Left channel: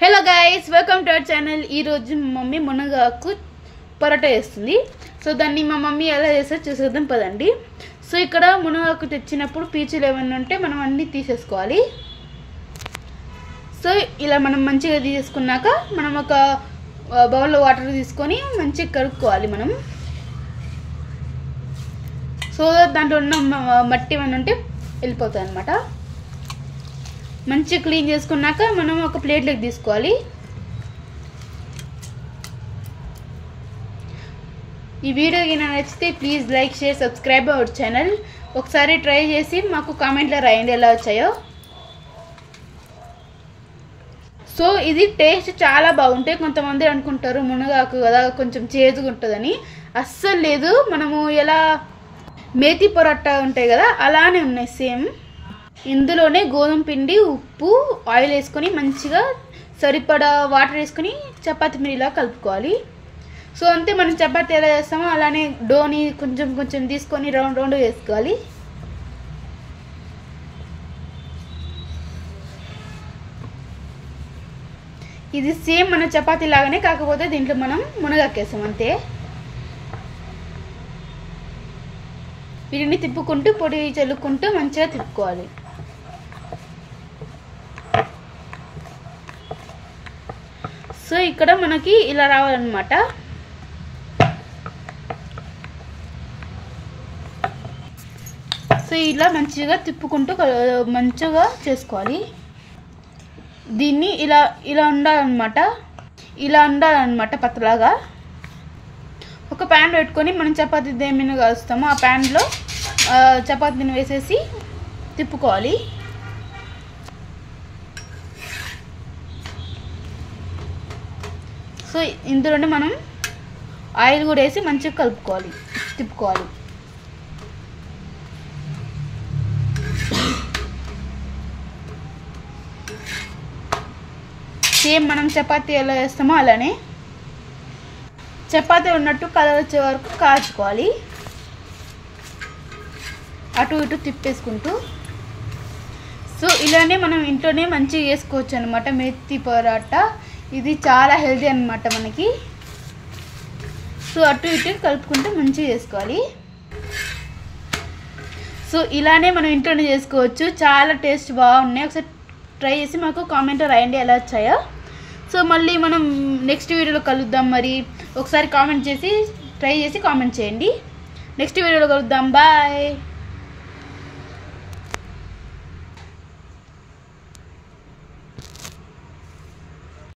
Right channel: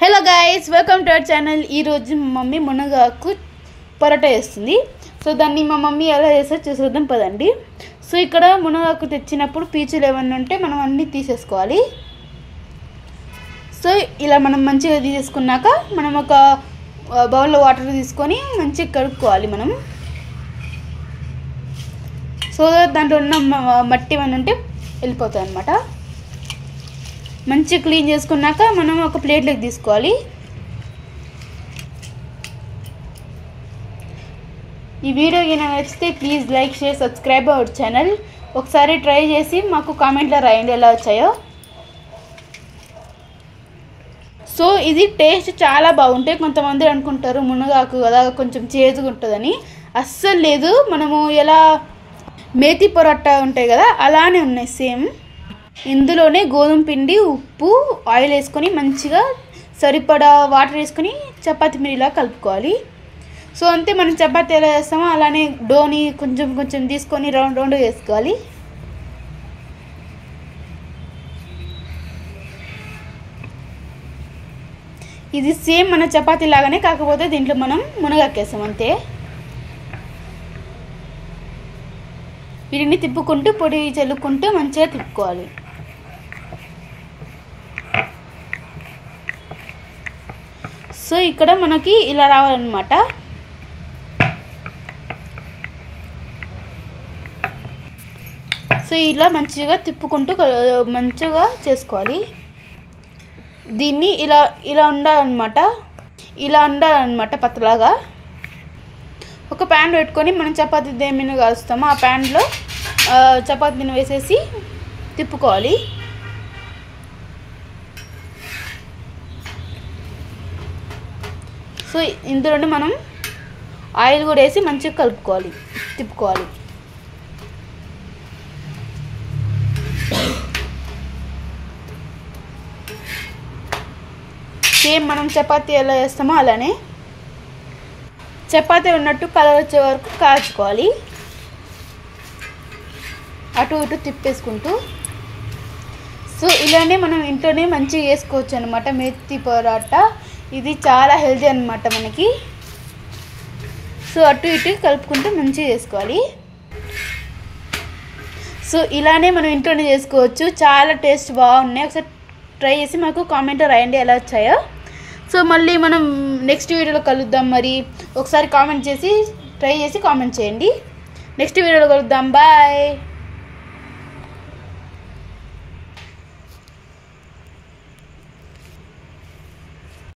Hello guys, welcome to our channel. ఈరోజు మా mummy మునగాకు పరోటా వేస్తుంది. సో దాన్ని మా మమ్మీ ఎలా చేస్తారో చూసేద్దాం పదండి. సో ఇక్కడ మునగాకు తెచ్చినప్పుడు పీచులు ఏమన్నా ఉంటే మనం అన్నీ తీసేసుకోవాలి. సో ఇలా మనం మంచిగా తీసేసుకున్నాక మనం ఒక బౌల్లో వాటర్ తీసుకొని మంచిగా కడుక్కోవాలి మనం. సో దాంట్లో ఉన్న మట్టి ఏమైనా ఉంటే వెళ్ళిపోతాయి అన్నమాట. మంచిగా క్లీన్ చేసుకున్నాక మనం ఒక ప్లేట్లోకి తీసుకోవాలి. ఈ వీడియో కనుక నచ్చితే please like, share, subscribe our channel. ఒకసారి ట్రై చేసి మాకు కామెంట్లో రాయండి ఎలా వచ్చాయో. సో ఇది టేస్ట్ చాలా బాగుంటాయి. కొంతమంది అనుకుంటారు మునగాకు కదా కొంచెం చేదుగా ఉంటుందని. అస్సలు లేదు. మనము ఎలా మేతి పరోటా ఉంటాయి కదా అలానే ఉన్నాయి సేమ్. ఇందులోనే గోధుమ పిండి, ఉప్పు, ఆయిల్ వేసుకొని మంచిగా సరిపడా వాటర్ వేసుకొని చపాతీ పిండిలా కలుపుకోవాలి. సో అంతే, మనం చపాతీ ఎలా చేస్తామో అలానే డోని కొంచెం కొంచెం తీసుకొని రౌండ్ రౌండ్ వేసుకోవాలి. ఇది సేమ్ మన చపాతీ లాగానే, కాకపోతే దీంట్లో మనం మునగాకేస్తాం అంతే. వీటిని తిప్పుకుంటూ పొడి చల్లుకుంటూ మంచిగా తిప్పుకోవాలి. సో ఇక్కడ మనకి ఇలా రావాలన్నమాట. సో ఇలా మంచిగా తిప్పుకుంటూ మంచిగా చేసుకోవాలి. దీన్ని ఇలా ఇలా ఉండాలన్నమాట. ఇలా ఉండాలన్నమాట పతలాగా. ఒక ప్యాన్ పెట్టుకొని మనం చపాతీ దేనిని కాలుస్తామో ఆ ప్యాన్లో చపాతీని వేసేసి తిప్పుకోవాలి. సో ఇందులోనే మనం ఆయిల్ కూడా వేసి మంచిగా కలుపుకోవాలి, తిప్పుకోవాలి. సేమ్ మనం చపాతీ ఎలా చేస్తామో అలానే చపాతీ ఉన్నట్టు కలర్ వచ్చే వరకు కాల్చుకోవాలి, అటు ఇటు తిప్పేసుకుంటూ. సో ఇలానే మనం ఇంట్లోనే మంచిగా వేసుకోవచ్చు అనమాట మేతి పరోటా. ఇది చాలా హెల్తీ అనమాట మనకి. సో అటు ఇటు కలుపుకుంటూ మంచిగా చేసుకోవాలి. సో ఇలానే మనం ఇంట్లోనే చేసుకోవచ్చు. చాలా టేస్ట్ బాగున్నాయి. ఒకసారి ట్రై చేసి మాకు కామెంట్లో రాయండి ఎలా వచ్చాయో. సో మళ్ళీ మనం నెక్స్ట్ వీడియోలో కలుద్దాం. మరి ఒకసారి కామెంట్ చేసి ట్రై చేసి కామెంట్ చేయండి. నెక్స్ట్ వీడియోలో కలుద్దాం. బాయ్.